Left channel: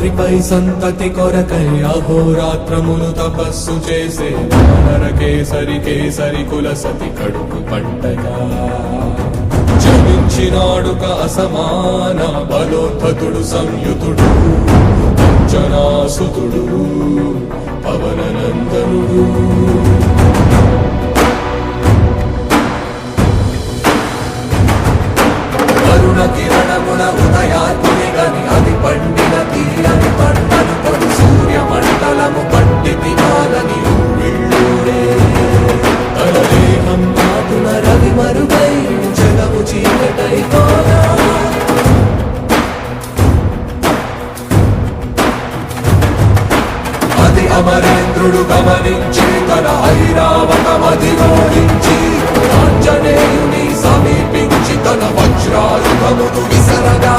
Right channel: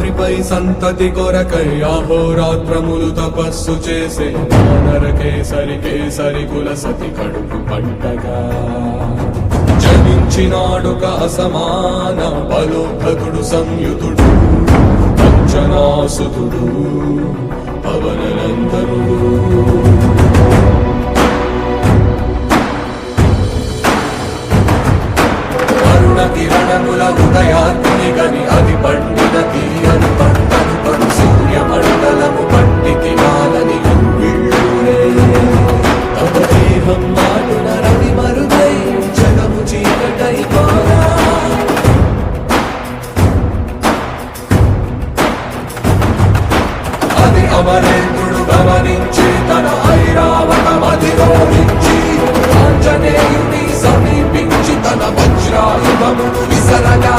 రాత్రిపై సంతతి కొరకై అహోరాత్రములు తపస్సు చేసే నరకేసరి కేసరి కుల సతి కడుపు పట్టగా జనించినాడొక అసమాన బలోద్ధతుడు సంయుతుడు అంజనాసుతుడు పవననందనుడు కిరణముల ఉదయాత్మి గని అది పండిన తీరని పంటను పడు సూర్యమండలము పండితి మాలని వీళ్ళుడే అనుదేహం నాడున రవి మరుగై జగము చీకటై మారా అది అమరేంద్రుడు గమనించి తన ఐరావతమది ఓడించి ఆంజనేయుని సమీపించి తన వజ్రాయుధమును విసరగా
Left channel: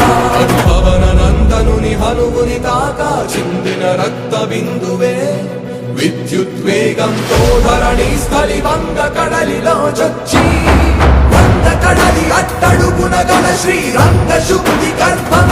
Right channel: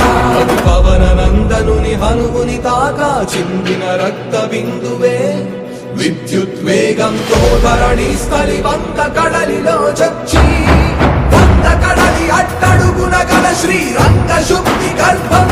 పవననందనుని హనుముని తాకా చిందిన రక్త బిందువే విద్యుద్వేగంతో ధరణి స్థలి వంద కడలిలో చొచ్చి వంద కడలి అట్టడుగున గల శ్రీరంగ శుద్ధి గర్భం